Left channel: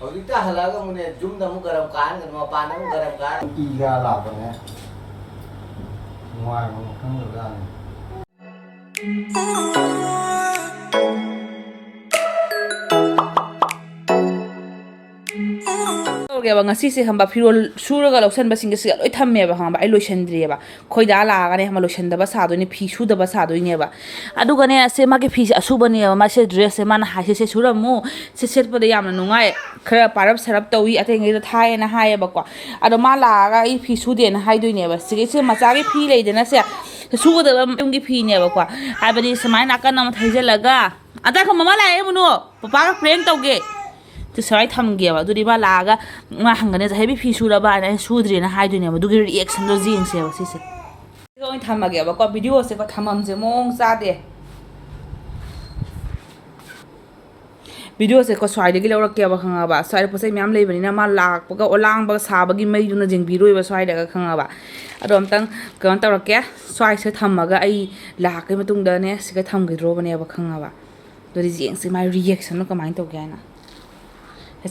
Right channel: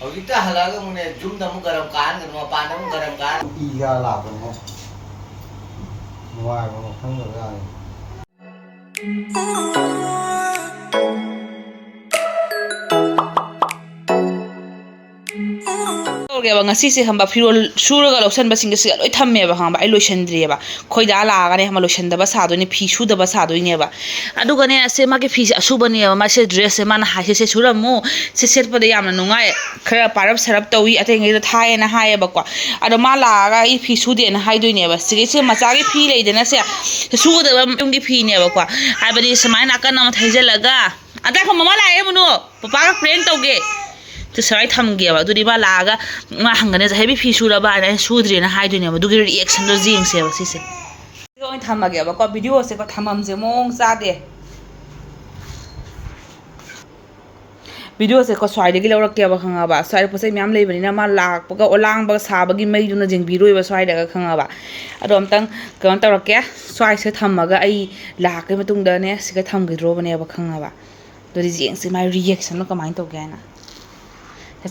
Hꯧjikta halaga mune jumda mu garam kan kan mapana mu garam kan iga lado mo ngoài mà không được ra này ꯒꯦꯕ ꯉꯁꯤꯁꯦ ꯈꯪꯕ ꯐꯤꯔꯣꯜ ꯁꯨꯔꯒ ꯂꯧꯁꯟꯕꯁꯤꯡꯁꯦ ꯂꯣꯏ ꯊꯝꯃꯦꯕ ꯈꯪꯕ ꯑꯩ ꯂꯣꯏꯁꯟꯗ꯭ꯔꯤꯑꯕ ꯈꯣꯏꯗꯥ ꯂꯥꯛꯑꯒꯅꯦ ꯈꯪꯕ ꯂꯣꯏꯁꯟꯗꯕ ꯁꯥꯗꯣꯏꯅꯦ ꯐꯤ ꯁꯨꯗꯕ ꯁꯥꯗꯣꯏꯅꯦꯕ ꯑꯗꯨꯒꯅꯦ ꯑꯁꯦ ꯃꯥꯒꯤ ꯐꯤꯁꯦ ꯑꯁꯨꯕꯅꯦꯕ ꯃꯥꯁꯦ ꯗ꯭ꯔꯦꯁꯁꯦ ꯃꯥꯅ ꯍꯥꯏꯁꯦ ꯁꯨꯔꯝꯃꯨ ꯁꯤ ꯁꯦꯠꯄꯗ ꯌꯥꯝꯅ ꯅꯨꯡꯉꯥꯏ ꯈꯔ ꯄꯥꯔꯞ ꯁꯔꯞ ꯇꯧꯏ ꯑꯇꯩꯉꯩꯗ ꯊꯥꯏꯌꯦꯅ ꯍꯥꯏꯌꯦꯕꯀꯣ ꯑꯗꯣ ꯃꯥ ꯂꯥꯛꯑꯒ ꯑꯩ ꯐꯤ ꯁꯨꯗꯦꯅ ꯍꯥꯏꯗꯣꯏꯅꯦꯕ ꯁꯤꯒꯤꯁꯦ ꯃꯆꯥꯒꯤ ꯐꯤ ꯂꯩꯗꯅ ꯁꯦ ꯁꯨꯒꯗꯕ ꯌꯨꯝꯒꯤ ꯐꯤꯅꯦꯕꯀꯣ ꯍꯥꯏꯕꯗꯤ ꯁꯨꯃꯥꯏꯅ ꯅꯥꯀꯟ ꯑꯃ ꯊꯩꯖꯤꯜꯂꯒ ꯑꯇꯥꯈꯣ ꯃꯃꯥ ꯂꯥꯛꯑꯦ ꯃꯨꯅꯨ ꯄꯄꯥꯒ ꯄ꯭ꯔꯦꯡ ꯇꯧꯒꯦ ꯁꯨꯃꯥꯏꯅ ꯊꯝꯒꯦꯕ ꯑꯗꯨꯗꯤ ꯃꯥ ꯂꯥꯛꯑꯒ ꯃꯥ ꯍꯪꯒꯅꯦ ꯍꯦꯕꯤ ꯐꯤ ꯁꯨꯔꯕ ꯍꯥꯏꯅ ꯑꯩꯅ ꯁꯨꯗ꯭ꯔꯦꯅ ꯍꯥꯏꯗꯣꯏꯅꯦꯕ ꯑꯗꯨꯒꯤ ꯔꯤꯑꯦꯛꯁꯟꯗꯣ ꯌꯦꯡꯁꯦꯕ ꯁꯤꯁꯦ ꯑꯣꯏꯅ ꯊꯝꯃꯒꯦꯕꯀꯣ ꯚꯤꯗꯤꯑꯣꯁꯦꯀꯣ ꯊꯝꯃꯝꯁꯦ ꯃꯑꯣꯡ ꯆꯥꯗꯦ ꯚꯤꯗꯤꯑꯣꯁꯦꯀꯣ ꯁ꯭ꯋꯥꯏꯗꯒꯤ ꯂꯧꯔꯛꯀꯦꯕ ꯈꯪꯉꯕ ꯁ꯭ꯋꯥꯏꯗ ꯄꯣꯠ ꯆꯩ ꯃꯌꯥꯝ ꯂꯩꯕꯅꯤꯅ ꯃꯥ ꯂꯥꯛꯄꯒ ꯂꯥꯡꯕꯒ ꯁꯥꯕꯒꯤ ꯃꯩꯗꯨꯅ ꯌꯦꯡꯕꯤꯔꯣꯏꯕ ꯁ꯭ꯋꯥꯏꯗꯒ ꯈꯪꯉꯕ ꯑꯗꯣ ꯑꯝꯇꯪ ꯀꯩꯅꯣ ꯇꯧꯔꯛꯀꯦ ꯁ꯭ꯋꯥꯏꯁꯦ ꯊꯝꯃꯒ ꯑꯩ ꯂꯥꯛꯀꯩ ꯃꯇꯨꯡꯗꯅꯦ ꯁꯤꯒ ꯊꯝꯈꯤꯗ꯭ꯔꯣꯕꯅꯦꯕ ꯈꯪꯉꯕ ꯑꯗꯨꯗꯤ ꯌꯦꯡꯁꯦ ꯃꯥꯏ ꯔꯤꯌꯦꯛꯁꯟꯗꯣ ꯀꯃꯥꯏꯅ ꯇꯧꯒꯦ ꯍꯥꯏꯅ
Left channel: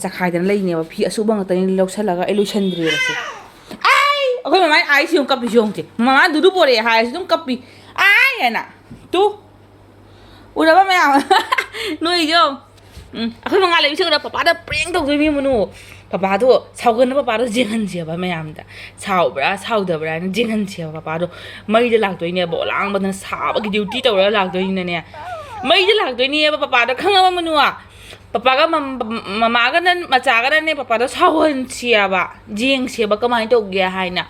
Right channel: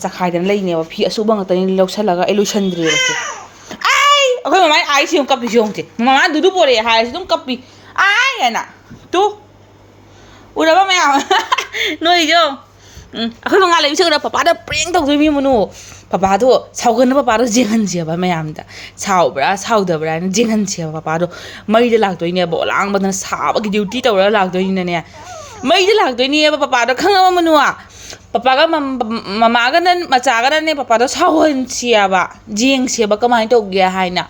ꯆꯈꯥꯏꯗꯅ ꯂꯩꯅꯦꯕ ꯐꯤ ꯑꯁꯨꯕ ꯉꯥꯛꯇꯅꯤ ꯂꯧꯁꯜꯂꯒ ꯑꯩ ꯂꯣꯏꯁꯟꯗ꯭ꯔꯦꯕ ꯁꯦ ꯑꯩꯈꯣꯏ ꯃꯃꯥꯏ ꯑꯥꯏꯁꯤ ꯑꯃꯨꯛ ꯀꯞꯄꯤꯁꯤ ꯌꯦꯡꯉꯨꯁꯦ ꯃꯃꯥ ꯗꯨꯗꯨ ꯄꯣꯔꯛꯑꯦ ꯍꯥꯏꯔꯁꯤ ꯑꯗꯨꯝ ꯀꯞꯄꯤ ꯑꯥꯏ ꯍꯥꯏꯅ ꯇꯨ ꯎꯔꯕ ꯃꯌꯥꯝ ꯅꯣꯏꯁꯨ ꯑꯩꯈꯣꯏ ꯃꯉꯥ ꯂꯩꯕꯤꯁꯦ ꯎꯔ ꯄꯄꯥꯗ ꯄ꯭ꯔꯦꯡ ꯇꯧꯗꯣꯏ ꯃꯅꯨ ꯄꯄꯥꯗꯣ ꯁꯥꯎꯒꯟꯅ ꯄꯄꯥꯗꯣ ꯌꯦꯡꯍꯟꯁꯦꯕ ꯃꯌꯥꯝꯗ ꯁꯥꯎꯕ꯭ꯔꯥ ꯁꯥꯎꯗꯕ꯭ꯔꯥ ꯍꯥꯏꯅ ꯌꯦꯡꯍꯟꯁꯦꯕ ꯄꯄꯥꯗꯣ ꯃꯩꯗ ꯂꯥꯛꯇꯣꯏꯅꯦꯕ ꯑꯣꯂꯥꯡꯕꯗꯅ ꯁꯥꯕꯒꯤ ꯗ꯭ꯌꯨꯇꯤ ꯇꯧꯔꯒ ꯂꯥꯛꯇꯣꯏꯅꯤꯅꯅꯦ ꯃꯩꯗ ꯂꯥꯛꯇꯣꯏꯅꯦꯕ ꯄꯄꯥꯗꯣ ꯈꯪꯉꯕ ꯃꯅꯨ ꯄꯄꯥꯒ ꯃꯃꯥꯒꯅ ꯃꯆꯥꯒꯅꯅꯦ ꯄꯄꯥꯗꯣ ꯁꯥꯎꯍꯟꯁꯦꯕ ꯌꯦꯡꯁꯦꯕ ꯀꯃꯥꯏꯅ ꯇꯧꯒꯦ ꯍꯥꯏꯅ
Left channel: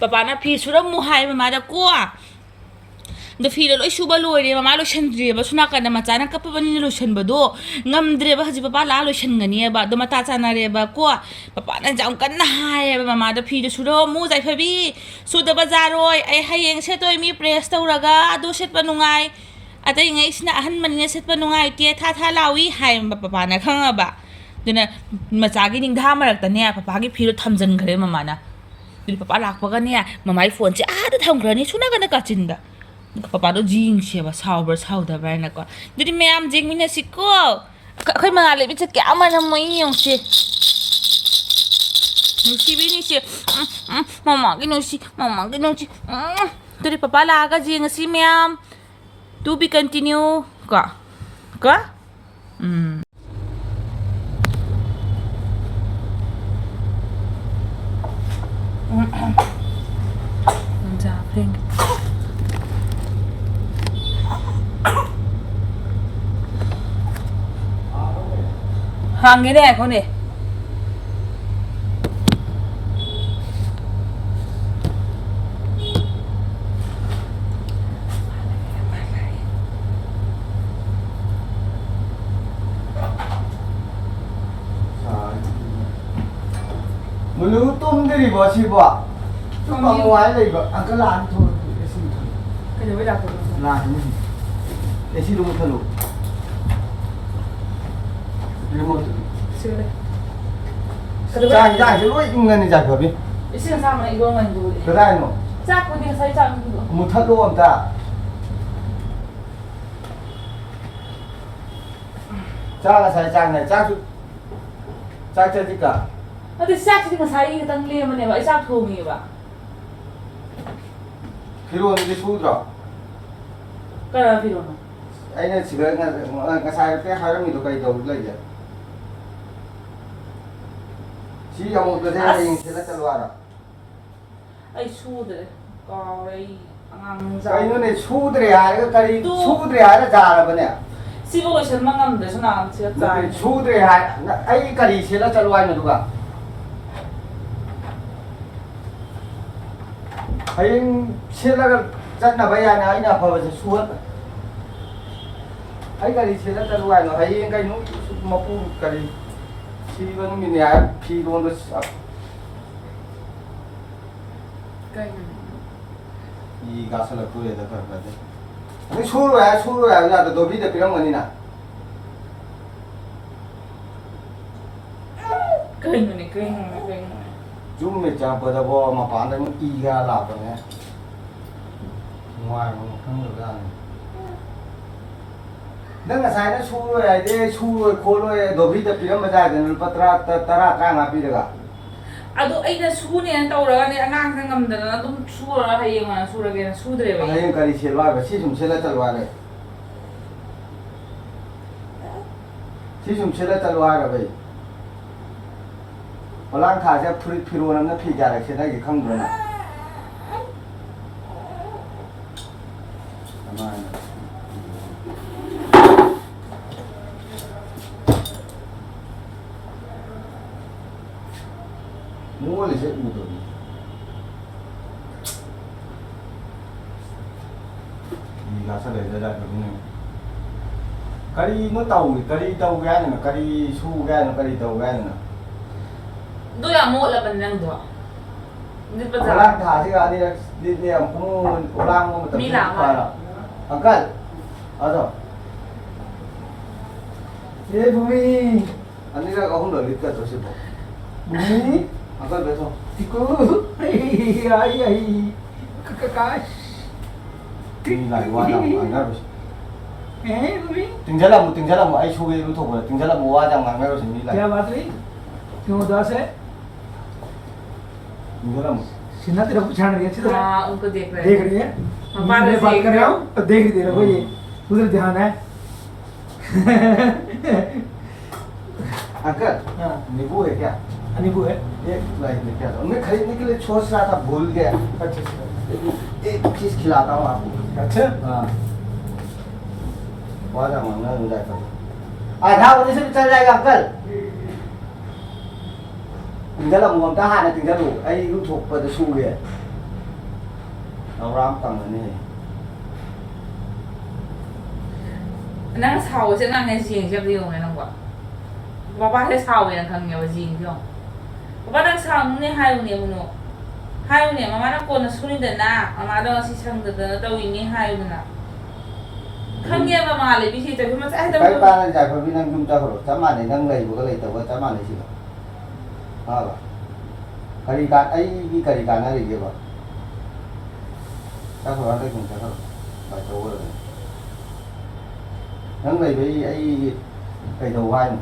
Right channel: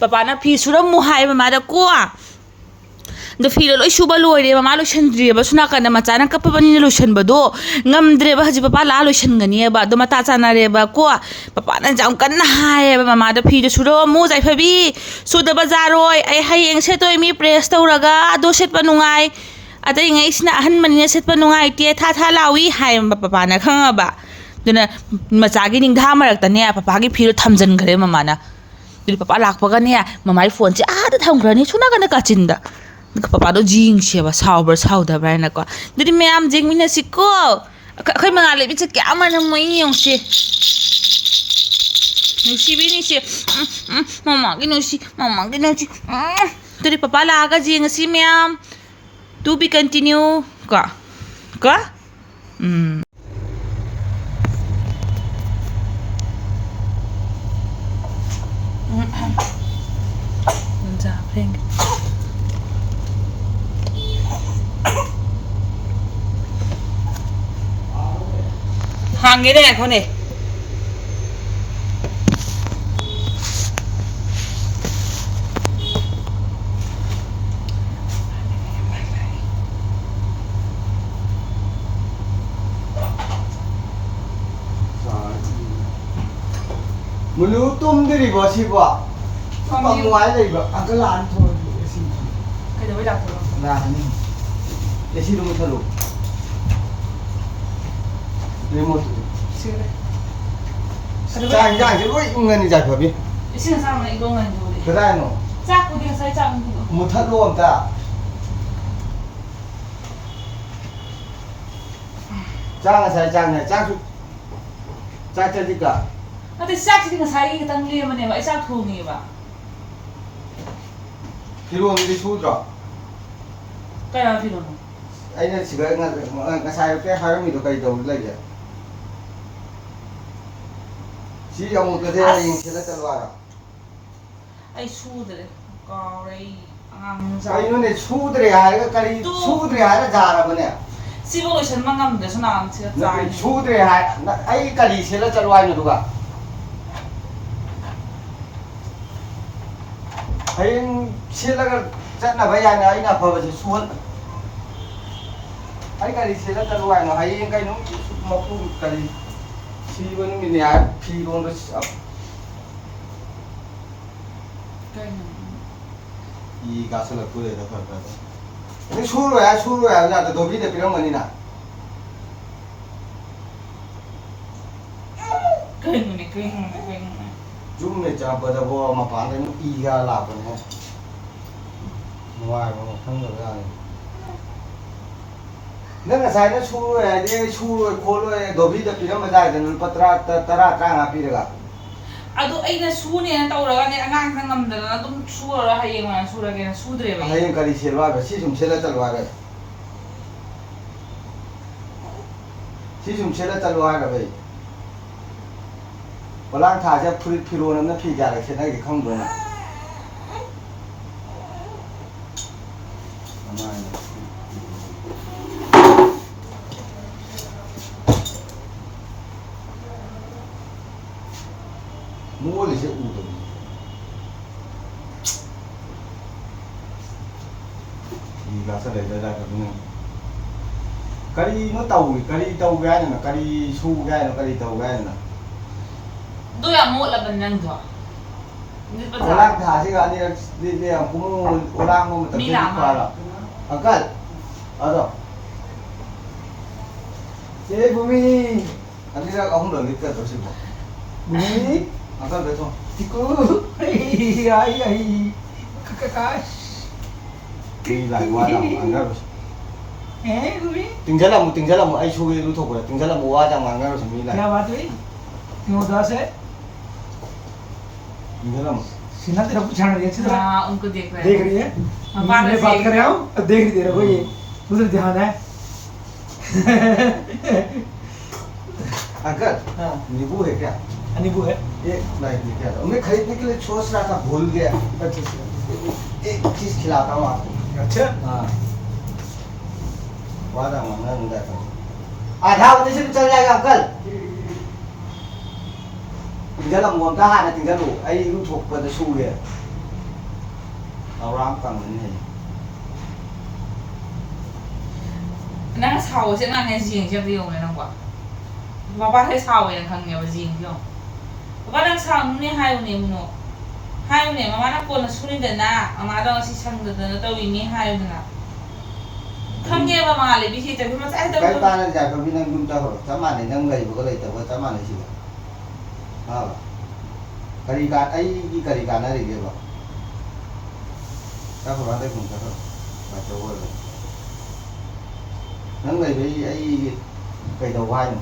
ꯄꯄꯥꯅ ꯐꯤ ꯁꯨꯔꯝꯃꯨ ꯍꯥꯏꯕ ꯃꯥꯗ ꯀꯣ ꯑꯗꯣ ꯐꯤꯗꯣ ꯂꯣꯏ ꯁꯨꯕ ꯂꯣꯏꯔꯦ ꯃꯃꯥ ꯂꯣꯏꯁꯟꯗ꯭ꯔꯤꯑꯕ ꯁꯨꯝ ꯅꯥꯀꯟꯗ ꯃꯆꯥꯅ ꯀꯞꯄꯕꯅꯤꯅ ꯂꯣꯏꯁꯟꯕꯗꯣ ꯉꯝꯗ꯭ꯔꯦꯕ ꯍꯧꯖꯤꯛ ꯄꯄꯥ ꯂꯥꯛꯑ ꯂꯣꯏꯁꯟꯒꯅꯤꯑꯕ ꯑꯗꯣ ꯃꯇꯥ ꯆꯥꯟꯅꯔꯦꯕ ꯀꯣ ꯄꯄꯥꯅ ꯌꯥꯝ ꯀꯟꯅ ꯍꯥꯏꯌꯦꯕ ꯃꯃꯥꯗ ꯐꯤꯗꯣ ꯁꯨꯔꯝꯃꯨ ꯖꯥꯏꯐꯕꯤ ꯁꯨꯗꯕ ꯖꯥꯔꯣꯏ ꯑꯩ ꯍꯌꯦꯡ ꯁꯦꯠꯇꯣꯏ ꯃꯤ ꯄ꯭ꯔꯦꯁ ꯇꯧꯔꯒ ꯑꯗꯣ ꯁꯦꯠꯄ ꯅꯨꯡꯉꯥꯏ ꯑꯇꯩꯉꯩꯁꯤꯅ ꯑꯍꯟꯕꯅꯤꯅ ꯁꯦꯠꯄ ꯅꯨꯡꯉꯥꯏꯇꯦ ꯊꯥ ꯊꯥ ꯂꯥꯎꯏ ꯍꯥꯏꯌꯦꯕ ꯄꯄꯥꯅ ꯈꯪꯉꯕ ꯑꯗꯨꯅ ꯃꯆꯥꯒꯤ ꯅꯤꯡꯊꯥ ꯃꯔꯛꯇꯅꯦ ꯄꯄꯥꯒꯤ ꯐꯤꯗꯣ ꯊꯝꯖꯤꯟꯈ꯭ꯔꯦ ꯃꯃꯥꯅ ꯑꯗꯨꯗꯤ ꯄꯄꯥ ꯂꯥꯛꯄꯒꯅꯦ ꯃꯃꯥꯒꯤ ꯐꯣꯟꯁꯦ ꯑꯥꯗ ꯊꯝꯈ꯭ꯔꯅꯤ ꯁꯨꯅꯥꯀꯟꯗ ꯀꯥꯆꯤꯟꯗ ꯄꯄꯥꯗꯣ ꯌꯦꯡꯁꯦꯕ ꯁꯥꯎꯕ꯭ꯔꯥ ꯁꯥꯎꯗꯕ꯭ꯔꯥ ꯍꯥꯏꯅꯀꯣ ꯑꯗꯨꯗꯤ ꯃꯌꯥꯝ ꯌꯦꯡꯃꯤꯟꯅꯁꯤꯀꯣ ꯑꯩꯈꯣꯏ ꯃꯉꯥ ꯂꯩꯕꯤꯁꯦ ꯀꯌꯥ ꯃꯅꯝꯃꯣꯏ ꯌꯦꯡꯉꯨꯁꯦ ꯅꯨꯡꯁꯤꯕꯤꯅꯤꯁꯦ ꯃꯃꯥꯒꯤ ꯅꯨꯡꯁꯤ ꯃꯃꯥꯒꯤ ꯅꯨꯡꯁꯤ ꯑꯗꯨꯗꯤ ꯄꯄꯥ ꯂꯥꯛꯑꯒ ꯌꯦꯡꯉꯁꯤ ꯃꯌꯥꯝ ꯇꯨ ꯕꯤ ꯀꯟꯇꯤꯅ꯭ꯌꯨ ꯀꯣ ꯍꯥꯡꯉꯦꯅꯦ ꯑꯩꯈꯣꯏꯅꯦ mulu tum diri ba si ba pa muai dai ba angka lan tho esi ꯀꯩꯗꯧꯕꯩ ꯂꯥꯛꯇꯣꯏꯅꯣ na ni esi dum thalo remote ꯁꯤꯔꯦ chang chang je loi ngani ja khabi ꯏꯁꯤꯡ ꯑꯁꯥꯕꯅ ꯏꯔꯣꯟꯒꯅꯤ ꯑꯗꯨꯕꯨꯗꯤ kadai no ꯆꯥꯛꯄꯨꯗꯤ ꯉꯁꯥꯏ ꯆꯥꯛꯄꯤꯗꯣ mu thalo amta chang sai chang này chang su chang cha dika ꯑꯗꯨ ꯆꯥꯛꯁꯤꯗꯤ ꯉꯁꯥꯏ ꯈꯤꯇꯪ ꯂꯦꯝꯕꯅꯦꯕ ꯑꯩ ꯆꯥꯛ ꯊꯣꯡꯉꯦꯕ firon di sudra ꯀꯌꯥ ꯐꯤꯔꯣꯅꯣ aina siga nga sai pe haram mi do kai dau lai ya si among ka de yin sila kalwara ꯑꯩ ꯁꯨꯗ꯭ꯔꯦ ꯀꯥꯎꯔꯦ ꯑꯩ ꯑꯉꯥꯡ kai no ne sudre ha ga kari Tu. sudre ha ra jara bane ꯁꯤꯕꯨ ꯂꯣꯏꯁꯟꯕ ꯉꯝꯗ꯭ꯔꯁꯨ ꯅꯍꯥꯟ ꯁꯤꯗ ꯆꯥꯏ sudre ha ai kari sila kalwai no duga hayin sila ga chatna bayana aina phawa se suhan ai kari sila kalwai no hayin kai no mapu kari si banu mi ne phi ron do 이 가서는 그래야 될 것 같아. 근데 수로야. 나 너비데 그런 거니나. 그래. 좀 있잖아. 보다 뭐 반대 이가 나도 뭐. ngoài mà không được ra này nang asai na su ai de su ko lo do bi de piram ba dai de patra tara nga pi daga adu aina sune na tawraga ne angang sang ngamdana adum sura hayeng na surage na sudre ba hayeng kari selwa ba si sum sela talwa ga si sum sela talwa ga bai palang tha ja phuri phiro na phi ja la sena gi khang do na mua là sẽ ủ tỏi thì là sẽ để ra được không cari nó tàu cari tàu gai này cari su gai nó cari tàu gai này do ya mo la banang do dit pa orang thả chứ anh đi đi làm cũng orang mà tập trung qua là angkat ada Eh Bumi, anh đi ra không được lịch cái tổ chức Bumi, angkat betul Tiku, ai, kakak, đi lại qua đâu angkat Bumi, tinggal lah mu ai su itu tuh gua tinggal lah mu wajah angkat harus क्या sembilan बात हुई? क्यों उदास है? tinggal lah mu Sinha तेरा पहचान रही है अच्छी तरह हां उनको देख रहे देख रही है हाँ, बात मैं ऐसे बात ही कर रहा हूँ और देख रही तेरे को ये उधर ध्यान है angkat हाँ नींबू है क्या नींबू है एक नहीं क्या था मैं खरीदने के लिए सोच रहा था भूल गया अच्छा एक चीज खिलाता हूँ आपको अच्छा हाँ वादा मांगा उनका कर आधा बजे से चल जाएगा uncle tinggal là muam ta hai tinggal lu ai lu thuộc vào su vậy ram cầm này nang sao sẽ nang nghe riêng cho riêng này nó quá ba thấy sao vậy khang nghe riêng chứ ba đang sao nó hai này mà nó còn là suni đền na mà đó là sang đền na tao ini hai na khang nghe mà lại bị gì tại vì nó sẽ cái ta là giải pháp vi năng dung ta rồi chấm màn này năng lầy của lầy tàu có chấm màn này gì đó ba karikan ai cái karikan này gì vậy ta phải ăn được không ta thôi ba chỗ rồi năng lầy với ai cây đầu vai mà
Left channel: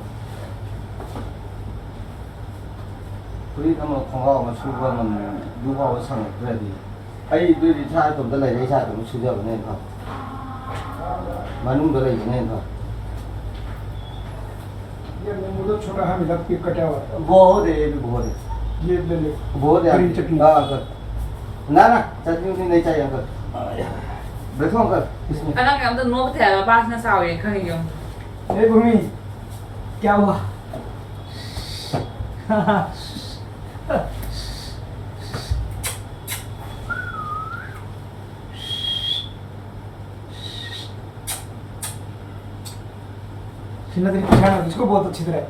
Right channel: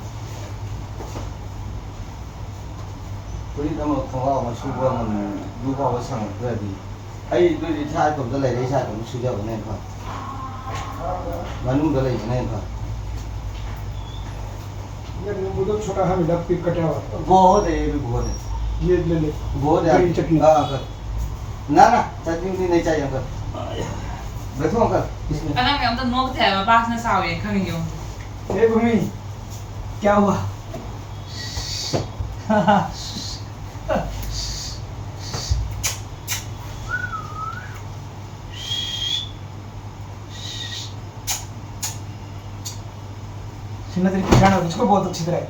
cái đó mà không có mà su qua mình du qua có sang cái gì ai đôi đi sai cũng đã lấy đấy sai cũng su giờ này không mà nung đã lấy này không ये नींबू तो छोटा हाँ मिला pick कटा हुआ बहुत है ये भी बहुत है ये ले ले बहुत है हरी चटनी अंकल ना ना चटनी भी नहीं चाहिए अंकल बैठो अंकल इसमें anh đang cảm thấy nó có thể là ba nó sao vậy khang nghe ए भूमि क्या हुआ सिन्हा तेरी पहचान है इसको बहुत अच्छी तरह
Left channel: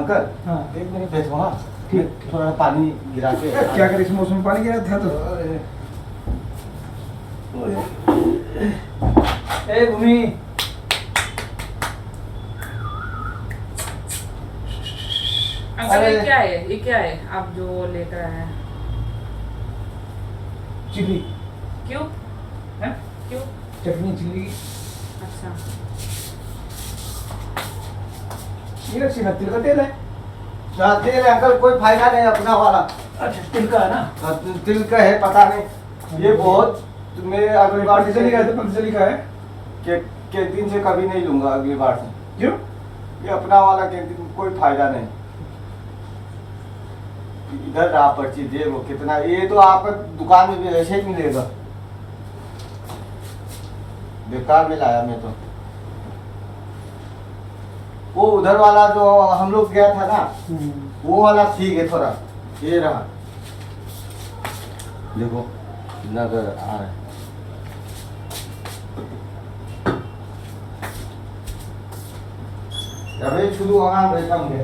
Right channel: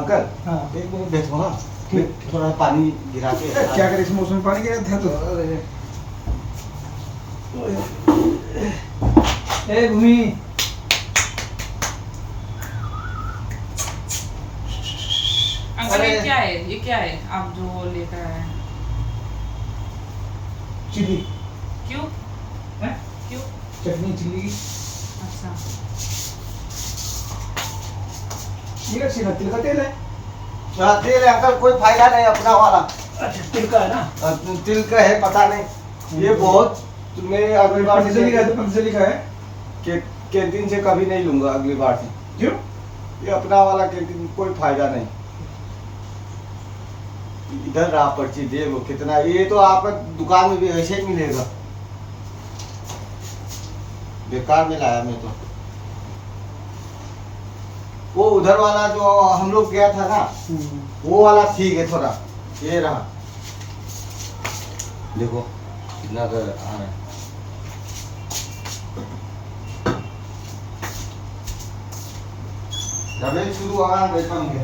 अंकल हाँ एक मिनट बैठो हाँ ठीक थोड़ा पानी गिरा के क्या करे इस मौसम में पानी गिरा था तो ए भूमि अंकल ये क्या है आप जो लेकर आए हैं चिल्ली क्यों हैं क्यों चटनी चिल्ली अच्छा ये सिन्हा तिल का तेल है तेल अंकल कोई फायदा नहीं अपना वाला अच्छा तिल का है ना तिल का है पता नहीं ये बहुत मैं अगली बार से पतंजलि का है कैंटीन से कभी नहीं लूंगा अगली बार से क्यों ये अपना वाला कैंटीन कोई फायदा नहीं इधर रहा पर्ची दे वो कितना ये तो आपका दुकान में भी ऐसे ही मिलेगा बेकार में लाया मैं तो वो उधर वाला जो हम लोग गया था ना वो वाला ठीक है थोड़ा ये रहा देखो कितना कर आ रहा है जब शुरू होगा बैठा मुझे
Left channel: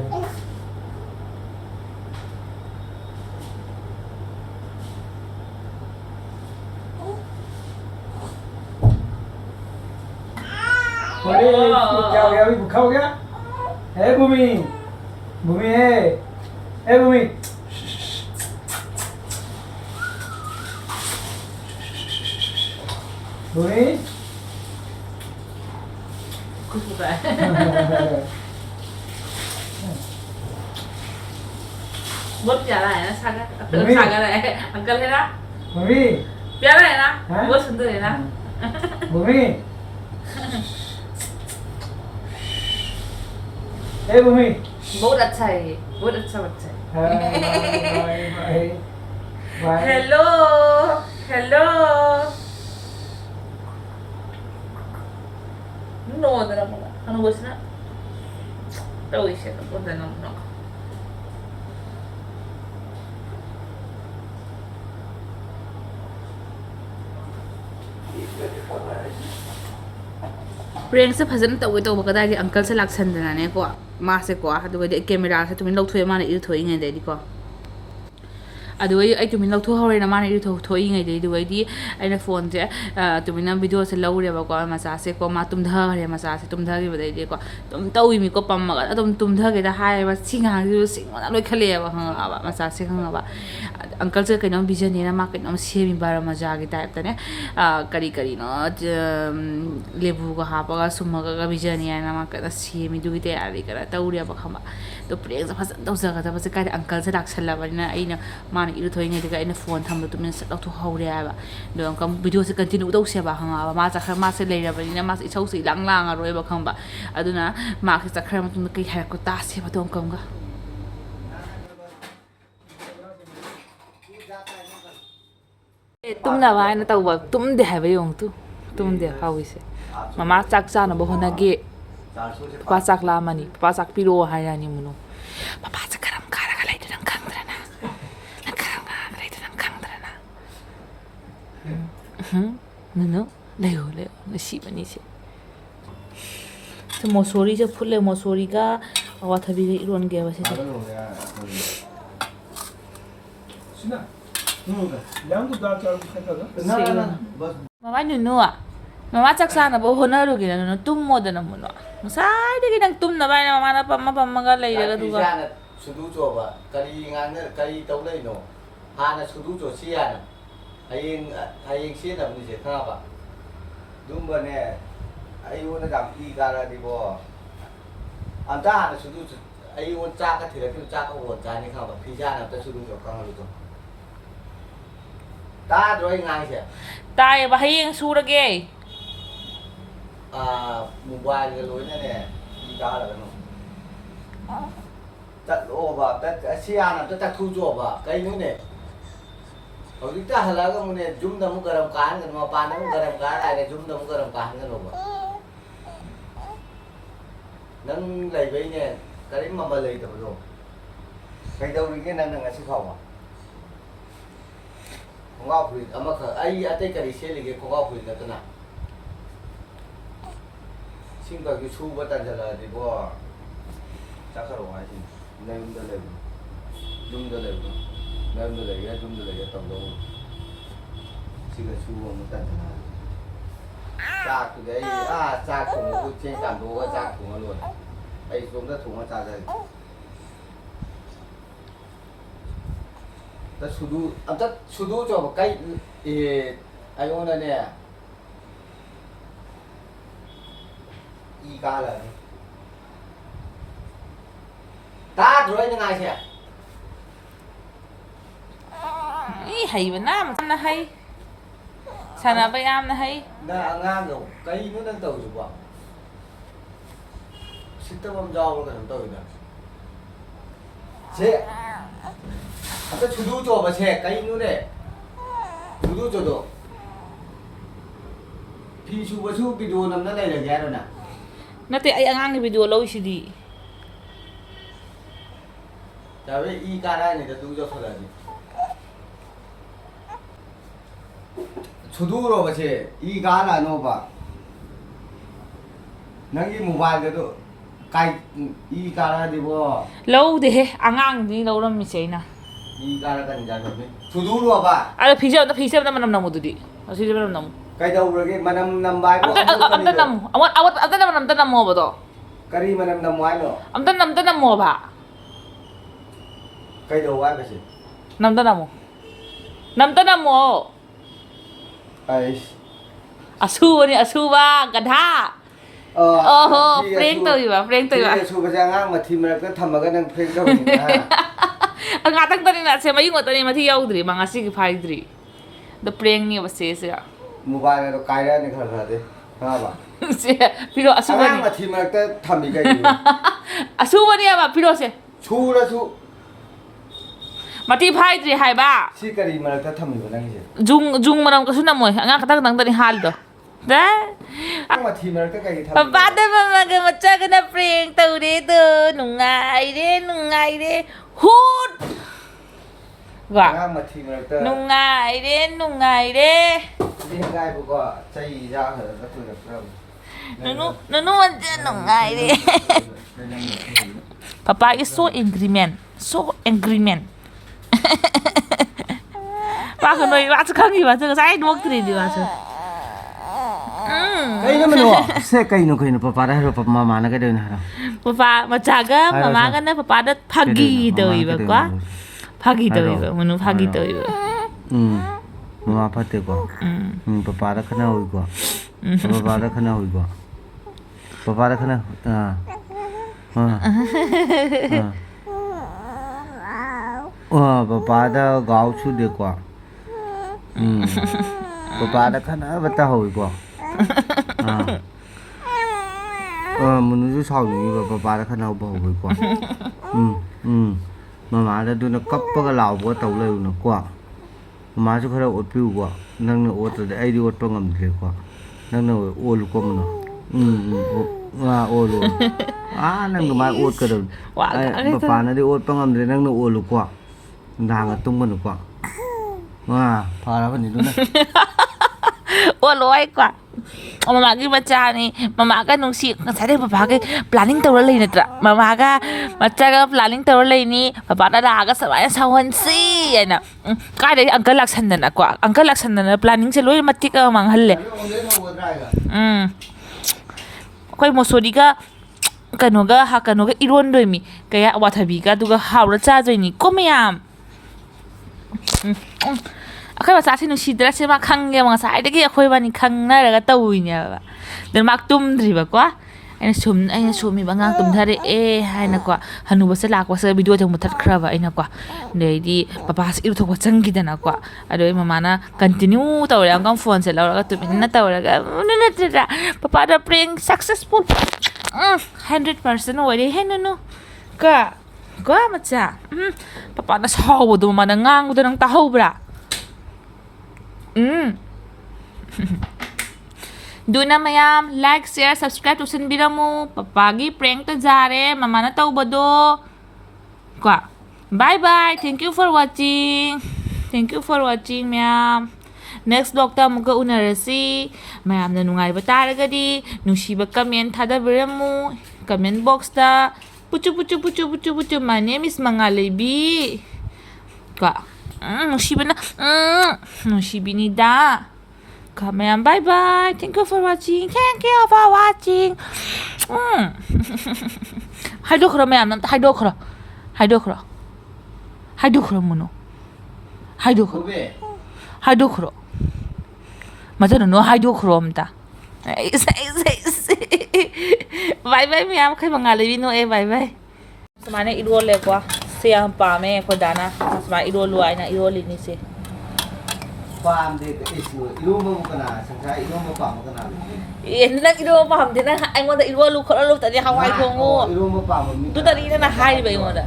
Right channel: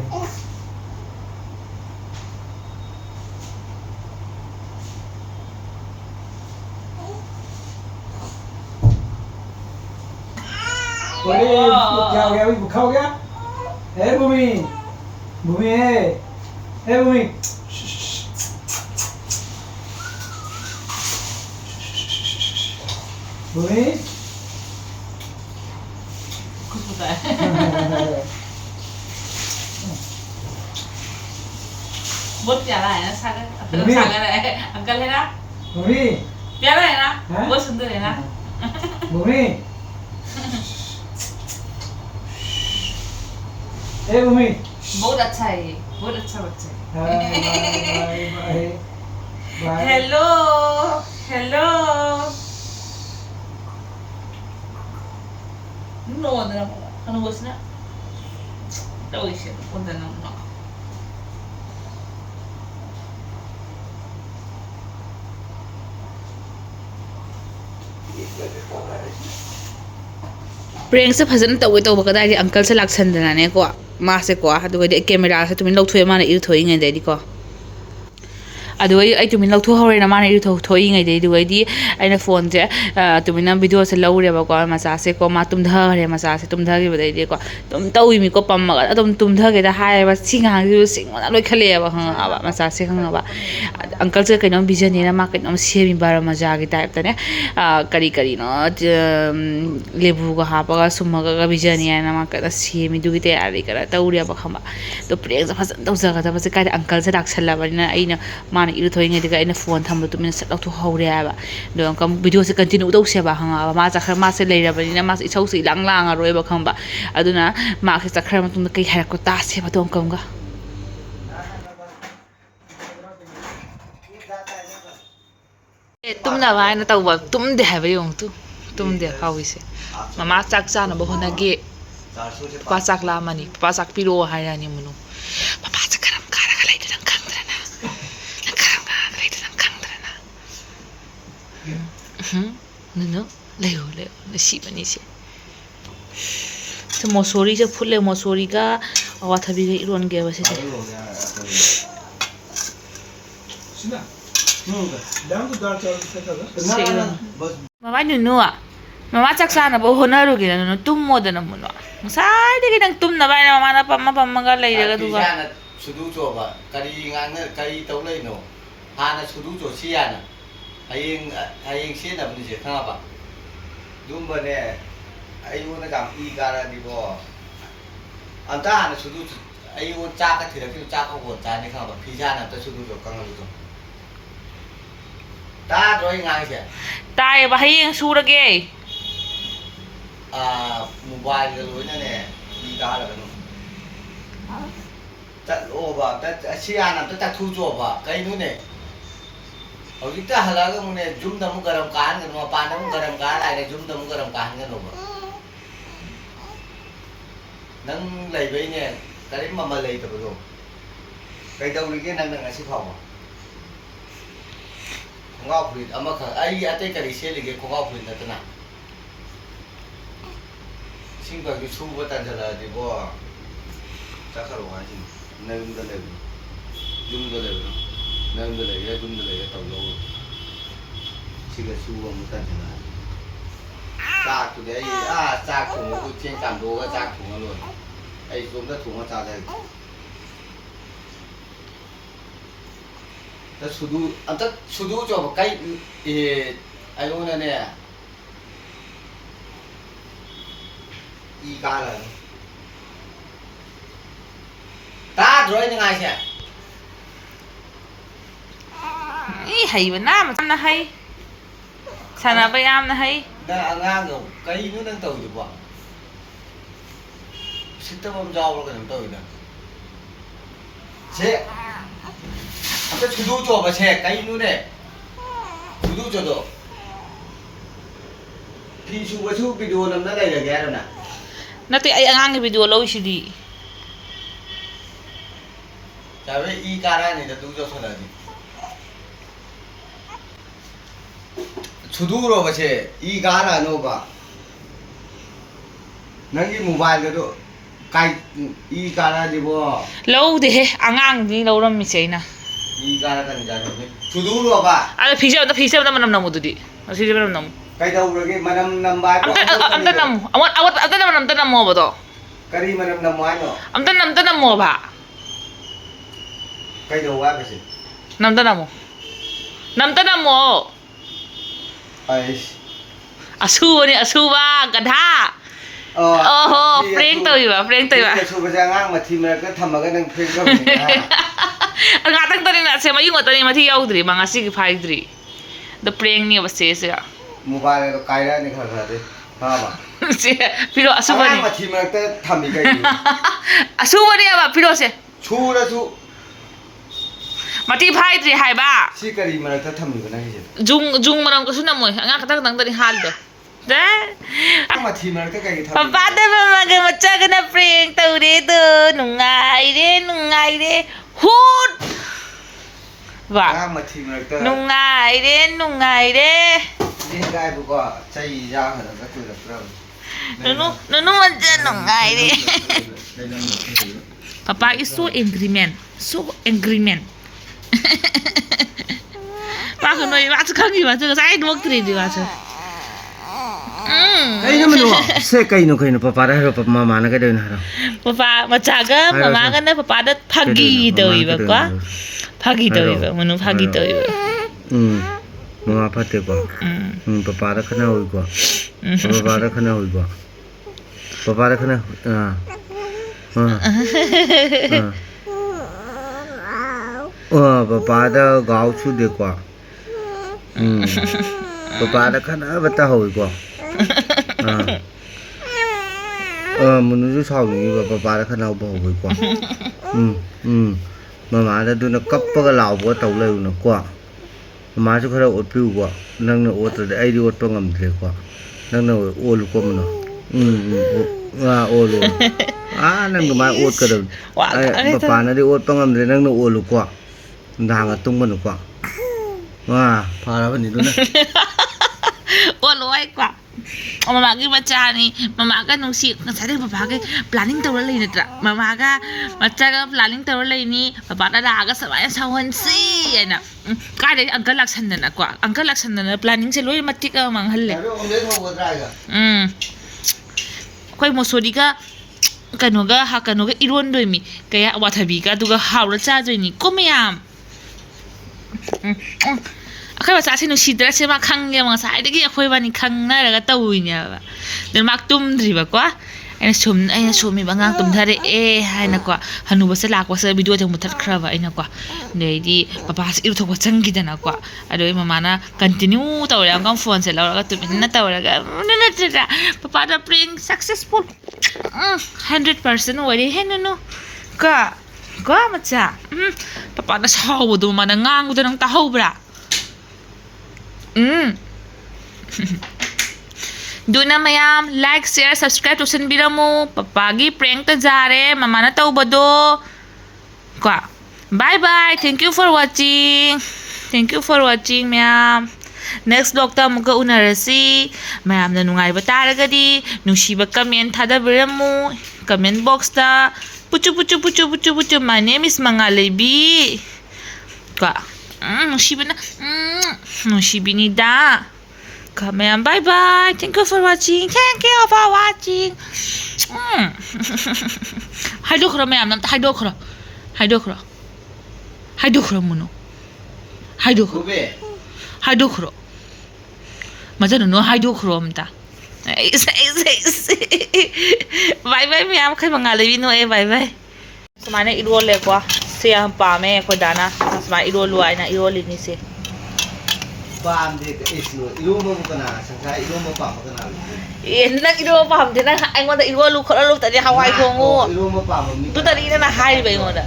अरे क्या हो गया अभी भूखा हो गया है भूमि भूमि है भूमि भूमि bớt trả lại nó sang cái này cân lên á Bumi, biết này nè bớt xuống từ này nè Bumi. Hey Bumi. bớt đặt chảy bớt đặt chảy Bye. hello no da ano gusto na daw siya punta nang no ꯄ꯭ꯔꯦꯡꯁꯦ ꯐꯖꯅ ꯇꯧꯒꯦ ꯇꯧꯕ ꯀꯗꯥꯏꯗꯤ ꯑꯪꯀꯜꯁꯦ ꯂꯥꯛꯁꯟꯗꯅꯅꯦꯀꯣ ꯃꯥꯁꯦꯀꯣ ꯑꯗꯨꯒꯗꯤ ꯀꯦꯃꯦꯔꯥꯁꯦ ꯇꯨꯃꯤꯟ ꯂꯧꯊꯣꯛꯑꯦ ꯃꯥꯅ ꯏꯔꯨꯊꯣꯛꯏꯉꯩꯗꯩꯗꯤꯀꯣ ꯑꯗꯨꯒ ꯑꯩ ꯇꯨꯃꯤꯟ ꯂꯧꯊꯣꯛꯍꯧꯔꯦꯅ ꯃꯥꯅ ꯏꯔꯨꯊꯣꯛꯏꯉꯩꯗꯩ ꯑꯗꯨꯒꯩꯗꯤ ꯑꯩꯅ ꯐꯣꯟꯁꯦ ꯇꯨꯃꯤꯟꯅ ꯚꯤꯗꯤꯑꯣꯁꯦ ꯂꯧꯔꯦꯕꯀꯣ ꯃꯆꯥꯁꯦꯀꯣ ꯃꯥ ꯇꯨꯝꯊꯈ꯭ꯔꯦ ꯃꯆꯥꯁꯦ ꯇꯨꯝꯊꯈꯤꯕꯗꯩꯗꯤꯀꯣ ꯑꯗꯨꯝ ꯇꯧꯏꯃꯤꯀꯣ ꯄꯝꯃꯒ ꯑꯗꯨꯝ ꯇꯨꯝꯊꯒꯦꯗ ꯍꯥꯏꯌꯦꯕ ꯁꯤ ꯉꯥꯡꯁꯤꯁꯨ ꯁꯤꯡꯉꯣꯅ ꯂꯣꯏꯈꯠꯂꯛꯑꯦꯕ ꯈꯪꯉꯕ ꯃꯆꯥꯁꯦ ꯈꯪꯉꯕ ꯑꯪꯀꯜꯁꯦ ꯀꯩꯅꯣꯝ ꯄꯤꯖꯅꯦꯅ ꯃꯥ ꯀꯩꯅꯣꯝ ꯁꯦꯝꯃꯤ ꯕꯥꯔꯥ ꯃꯖꯥꯒꯤ ꯇꯥꯏꯞꯇꯅꯦ ꯀꯔꯤꯅꯣ ꯂꯦꯕꯨꯒ ꯍꯥꯞꯄꯒ ꯁꯨꯝꯃꯒ ꯄꯤꯖꯅꯤ ꯍꯥꯏꯅ ꯃꯥ ꯀꯟꯅ ꯁꯦꯝꯃꯤ ꯑꯗꯨꯒꯤ ꯇꯌꯥꯔꯤ ꯈꯔ ꯇꯧꯔꯦꯕ ꯈꯪꯕ ꯑꯗꯣ ꯄ꯭ꯔꯦꯡꯁꯦ ꯐꯖꯅ ꯇꯧꯖꯒꯗꯕꯁꯦ ꯀꯥꯏꯗ ꯑꯪꯀꯜꯁꯦ ꯂꯥꯛꯁꯜꯂꯕꯅꯤꯅ ꯑꯩꯅ ꯃꯥꯅ ꯏꯔꯨꯊꯣꯛꯏꯉꯩꯗꯒ ꯑꯩꯅ ꯐꯣꯟ ꯊꯝꯕ ꯇꯨꯃꯤꯟꯅ ꯁꯠ ꯂꯧꯊꯣꯛꯍꯧꯔꯦ ꯍꯥꯏꯕ ꯑꯗꯣ ꯑꯃꯨꯛꯀ ꯚꯤꯗꯤꯑꯣꯁꯦ ꯀꯟꯇꯤꯅ꯭ꯌꯨ ꯇꯧꯁꯦꯕ ꯈꯪꯉꯕ ꯃꯥ ꯆꯠꯈ꯭ꯔ ꯃꯥꯁꯦ ꯂꯩꯔꯕꯅꯤꯅ ꯃꯥꯁꯦ ꯏꯁꯧꯁꯦ ꯏꯂꯥꯡ ꯂꯥꯡꯉꯔꯣꯏꯕ ꯈꯪꯕ ꯑꯗꯨꯅ ꯃꯥꯁꯦ ꯆꯠꯈ꯭ꯔ ꯃꯇꯨꯡꯗ ꯀꯩ ꯍꯥꯏꯔꯛꯀꯣ ꯇꯥꯁꯦꯕ ꯑꯗꯣ ꯑꯃꯨꯛꯀ ꯇꯨꯝꯅꯕ ꯍꯥꯏꯅ ꯇꯧꯕ ꯇꯨꯝꯗꯦ ꯍꯥꯏꯕ ꯌꯦꯡꯉꯨ ꯇꯨꯝꯗꯦ ꯍꯥꯎꯏꯁꯦ ꯃꯃꯥ ꯆꯥꯛ ꯆꯥꯅꯕ ꯍꯣꯠꯅꯒꯦ ꯄꯄꯥ ꯆꯥꯛ ꯂꯥꯝꯃꯅꯤ ꯄꯄꯥ ꯆꯥꯛ ꯄꯤꯔꯛꯑꯣ ꯍꯥꯏꯔꯅꯤ ꯃꯨꯅꯨ ꯄꯄꯥꯁꯦ ꯀꯔꯝ ꯀꯥꯔꯒ ꯂꯩꯗꯣ ꯅꯪ ꯈꯪꯗ꯭ꯔꯅ ꯅꯪ ꯀꯔꯝ ꯀꯥꯔꯒ ꯂꯩꯗꯣ ꯅꯪ ꯈꯪꯗ꯭ꯔꯅ ꯅꯨꯅꯨ ꯂꯩꯌꯣ ꯅꯨꯡꯁꯤꯕꯅꯤꯁꯦ ꯃꯣꯁꯣꯔꯤꯁꯦ ꯐꯨꯠꯂꯦ ꯃꯣꯁꯣꯔꯤꯒ ꯑꯋꯥꯊꯕꯤꯒ ꯏꯔꯣꯟꯒꯦꯕ ꯁꯤꯁꯦ ꯃꯃꯥ ꯅꯨꯅꯨ ꯃꯃá ꯆꯥꯛ ꯆꯥꯅꯕ ꯍꯣꯠꯅꯔꯨꯒꯦꯅ ꯅꯨꯅꯨ ꯇꯨꯝꯃꯣꯗꯅ ꯃꯨꯅꯨ ꯉꯁꯥꯏꯗꯒꯤ ꯅꯪ ꯇꯨꯝꯅꯕ ꯍꯥꯏꯅ ꯃꯃꯥꯅ ꯄꯝꯃꯒ ꯂꯩꯔꯒ ꯑꯗꯨꯒ ꯁꯨꯗꯨ ꯆꯣꯕ ꯀꯔꯤ ꯇꯧ ꯂꯩꯅꯣ ꯍꯥꯟꯅ ꯁꯨꯗꯨ ꯆꯣꯁꯤ ꯌꯥꯅ ꯍꯌꯦꯡ ꯁꯤꯖꯤꯟꯅꯕꯅꯤꯁꯦ ꯈꯪꯉꯕ ꯑꯗꯨꯝꯕꯅꯦ ꯑꯩꯉꯣꯟꯗ ꯌꯥꯝ ꯏ ꯀꯥꯔꯗꯤꯀꯣ ꯑꯝꯇ ꯍꯥꯟꯅ ꯁꯨꯗꯨ ꯑꯩꯉꯣꯟꯗ ꯆꯥꯛꯀ ꯊꯤꯔꯛꯈꯤꯕ ꯆꯥꯛꯀ ꯋꯣꯟ ꯆꯥꯅꯤ ꯈꯪꯉꯕ ꯐꯤꯖꯥꯅ ꯑꯝꯇ ꯁꯨꯗꯨ ꯆꯣ ꯀꯪꯍꯜꯂꯨꯗꯣ ꯇꯥꯗ꯭ꯔꯣ ꯑꯩ ꯉꯥꯡꯉꯤꯁꯦ ꯇꯥꯏꯌꯦꯕ ꯍꯌꯦꯡ ꯁꯨꯔꯒꯦ ꯃꯣꯕꯥꯏꯜꯒ ꯂꯣꯏꯅꯅꯦ ꯏ ꯀꯥꯔꯒꯅꯨ ꯆꯠꯂꯣꯕ ꯑꯁꯤ ꯍꯥꯟꯅ ꯑꯝꯇ ꯆꯠꯊꯨꯆꯣꯕ ꯀꯩꯅꯣꯅꯦ ꯍꯧꯖꯤꯛꯇ ꯍꯜꯂꯛꯑꯒ ꯑꯃꯨꯛꯅꯦ ꯌꯨꯝꯗ ꯑꯃꯨꯛ ꯒꯔꯝ ꯀꯥꯍꯟꯒꯅꯨ ꯃꯄꯥꯟꯗ ꯑꯃꯨꯛ ꯒꯔꯝ ꯀꯥꯍꯟ ꯂꯥꯛꯑꯦ ꯌꯨꯝꯗ ꯑꯃꯨꯛ ꯒꯔꯝ ꯀꯥꯍꯟꯒꯅꯨꯕ ꯅꯪ ꯂꯩꯕꯩꯅꯦ ꯀꯔꯤꯝ ꯃꯃꯜ ꯂꯩꯇꯕꯗꯣ ꯀꯩꯗꯧꯔꯤꯒꯦ ꯅꯪꯅ ꯉꯁꯤ ꯐꯥꯎꯕ ꯈꯣꯡꯒ꯭ꯔꯥꯎ ꯐꯨꯔꯤꯠ ꯑꯃꯈꯛ ꯑꯩ ꯑꯇꯩ ꯀꯔꯤ ꯁꯦꯠꯂꯤꯒꯦ ꯈꯣꯡꯒ꯭ꯔꯥꯎ ꯐꯨꯔꯤꯠ ꯅꯠꯇꯅ ꯏꯁꯤꯡꯈꯛꯀꯤ ꯁꯨꯕ ꯇꯟꯁꯤꯜꯂꯛꯑꯗꯤꯀꯣ ꯆꯠꯈ꯭ꯔꯣ ꯍꯥꯏꯁꯤꯅꯤ ꯅꯌꯨꯝꯗ ꯂꯩꯕꯅꯣ ꯌꯨꯝꯗ ꯂꯩꯕꯅꯣ ꯅꯌꯨꯝꯗ ꯂꯩꯒꯦ ꯌꯨꯝꯗ ꯂꯩꯒꯦ ꯇꯧꯗꯧꯕ ꯁꯤꯒ ꯁꯨꯕ ꯑꯃꯨꯛ ꯇꯟꯁꯤꯜꯂꯛꯑꯗꯤ ꯆꯥꯛꯇꯨꯗꯤ ꯑꯩ ꯆꯥꯛ ꯊꯣꯡꯕꯕꯨ ꯆꯦꯡ ꯀꯥꯝꯗꯣꯛꯑꯒ ꯆꯥꯛ ꯊꯣꯡꯉ ꯂꯣꯏꯔꯦ ꯑꯩ ꯏꯇꯣꯝꯇ ꯊꯣꯡꯉ ꯆꯥꯖꯒꯦ ꯑꯝꯇ ꯁꯨꯗꯨ ꯆꯣꯕ ꯀꯩ ꯑꯩꯉꯣꯟꯗꯅꯦ ꯏ ꯀꯥꯔꯒꯅꯤ ꯇꯥꯗ꯭ꯔꯣ ꯑꯩꯅ ꯉꯥꯏꯁꯦ ꯍꯩꯕꯅ ꯌꯥꯝꯅ ꯍꯩ ꯁꯥꯟꯅꯕ ꯌꯥꯝꯅ ꯍꯩ ꯅꯪ ꯑꯉꯥꯡꯗꯣ ꯀꯩꯅꯣ ꯅꯪ ꯇꯧꯔꯤꯗꯨꯕꯣ ꯁꯤꯠꯇꯕ ꯑꯃ ꯌꯥꯎꯕ꯭ꯔꯣ ꯀꯩꯅꯣꯝ ꯇꯧꯋꯤꯗ ꯁꯦ ꯑꯝꯇ ꯁꯨꯗꯨ ꯆꯣꯕ ꯁꯦ ꯀꯩꯅꯣꯅꯦ ꯁꯨꯗꯨ ꯆꯣꯗꯣ ꯐꯤ ꯁꯨꯕꯁꯨ ꯚꯤꯗꯤꯑꯣ ꯅꯝꯅ ꯂꯩꯔꯒꯦ ꯍꯥꯏꯔꯣ ꯅꯠꯇꯦ ꯑꯩ ꯑꯉꯥꯡꯒꯤ ꯚꯤꯗꯤꯑꯣ ꯂꯧꯏꯁꯤꯗꯤ ꯆꯥꯕꯦ ꯏ ꯀꯥꯔꯛꯑꯅꯤꯗ ꯇꯨ ꯆꯣꯁꯜꯂꯛꯑꯗꯤ ꯁꯨꯗꯨꯔꯣꯕꯁꯦ ꯏ ꯀꯥꯔꯛꯑꯅꯣꯕ ꯅꯪꯒꯤ ꯃꯣꯕꯥꯏꯜꯒꯗꯣ ꯏ ꯀꯥꯔꯛꯑꯗꯤꯕꯣ ꯂꯧꯗꯦꯍꯦ ꯑꯉꯥꯡꯗꯤ ꯂꯧꯔꯝꯃꯤꯁꯦ ꯑꯩꯅ 이 가라가는 자료니 주둥로가 아니 비자보다 만남 나무들이 비자 만남 나무 그러게 만남 남바이 암단 나무 암단 나무 뭐도 그리 만남 남무 하노 암단 나무 봐 그래도 와 버시 남단 나무 아이씨 아수바니 아수바 가다 ओहो प्रेंक तौइबा सुबह आंगांग मथी मरक थमगा नंग prank तौनी ngatang tani na se mayu ngotani mathi yaudri ma ngasi gi phaidri the prank ni abase se mobile तो कायरा नि खर खर दे हां बा se piro asubani आंगांग मथी मरक थमी गई asubani aba piro se छुरा छु mathi phaidri hai ba सी करी मरक थमी बना हिजे jung manam kasu na moi anga katang tang tani hal do da मथी मरक कई थमी papa de mama ga macha ga na prank taure do nungai re hut ba आंगांग मथी मरक nungai re ये गाय को चई जा हर का तू रख nunu macha nungai re papa is so angry man ba ko noi ba cha khangi ba cha sai dok tri di ba cha कई न मनो से कई न पापा रो मामा न कदे न papa macha ga mama ga na papa da phagi doi ba kwa phagi doi ba manu phagi doi ba मामा फते को पापा दा खना होई को पापा दा खना पापा दा गाव छु दे को पापा दा खना बता होई को मनु जो साउनी पापा दा खना बो होई को मामा दा दुना कप्पगा लावबो तौ लेउ न को मामा जो खरा ओटपिउ को नंग न ओट दे आइदि ओटपो ngamdre को नंग न ओलु को मनो ओलु नंग मा ओट का दो पापा न दे ओटपो ngamdre नंग न ओलु को दांगा तुंगन को फारा बनि दुना loi kwa mama gi bacha ni mama ga nungsi ngasai de papa ga planning tawra lei natra mama ga bacha ga planning tawra lei ni papa da ga sawai sawon si ana ka de uncle laksan na kwa uncle laksan na planning se loi matti ka mang halle koi mosori ga kanoga ha kanoga iron doi mi kaya wathabi ga duga hawra cha joi ni komyam akai ba sa sinu sidra se ma khang ge ma sai de ge khoi ba ni khang na ra ga tau ni ba den mak tum dri ba kwa aina sum mi ba ngang tum thare e hai na kwa hanu ba se lak wa se video jang muthat khra ba aina kwa nei di papa se iru thok ba chang gi dana kwa ado mama na continue taw ra ngam phone se la ga tu na taw ra ga na tra papa da prank successful 100% wari he no ka macha papa na saw bu du ma na ngang du nang ta ho bra Duna mayam like share subscribe to sanbiramu papagi prank ta jare mama na tawbado kwa bye bye thank you for watching ma'am next vlog ta muka unarasi mayam na nungai ba taragadi nungsiba comment thadabiramu comment box ta puchu my name is Mangalebi kwa Nushibinida. Come on, bye bye. Thank you for watching. Hydochrome, ma'am. Hydochrome, mono. Hydochrome. Madam, no hydochrome ta. Bye bye, ma'am. Kay Mangalebi no bye. Samana idole kwa. Siya ang pame ko dana mas ma irolo ay na iroli ni si pam de isu ilu mo kana sangsa ilu mo pam kana nag irolo pam din na ay mo da irolo ko lo tadi hawai ko ngo ilu mo pam tu tadi na hai ba mo da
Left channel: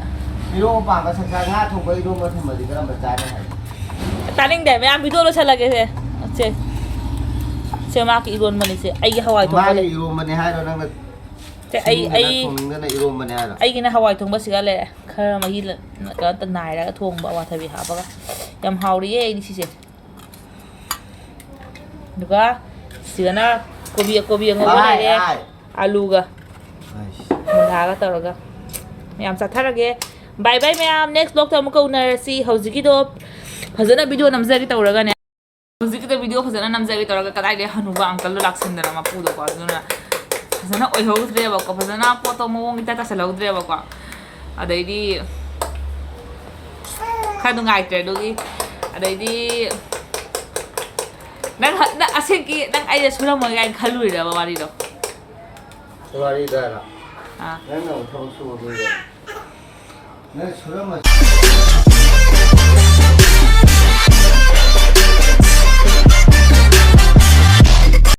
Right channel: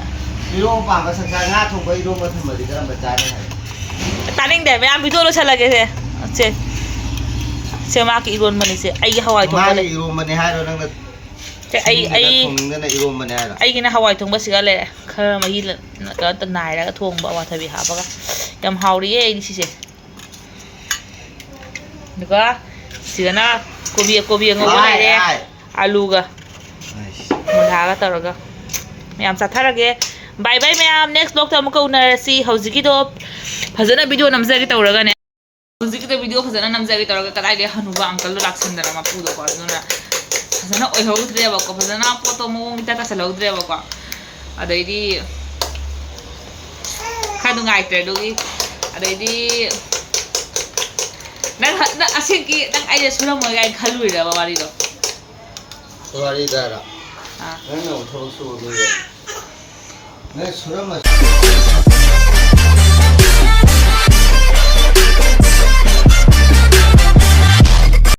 ilu mo pam ka sangsa nga thong ko ilu mo thamali ka ba cha na taning de me am video lo chala ge se ma ki iron mo ni se ay hawai to ma ilu mo ni hai ro nang ai gina hawai thong ba siga le khara ma hi ka ta nai ra ka thong ba wa thabi ha ba yam hauri e ni si se duka siga na kobi ngo ba nai re alu ga mula ga taraga yam sa tharage bye bye ma'am next vlog ta muka unarasi hauji do phajana video namjari tawraga ne hauji da video phajana namjari tawraga kadai de hanuba uncle laksandara ma pu do ba duna phajana oi hogdre ba ko phajana poto mo ngita ta salogdre ba ko adaidi khadu ngai tre dogi adaidi nang asiki nang ai sura mo gai khalui ra ba mari do Sorry, Dara. Ah. I know what also will be there. Let's run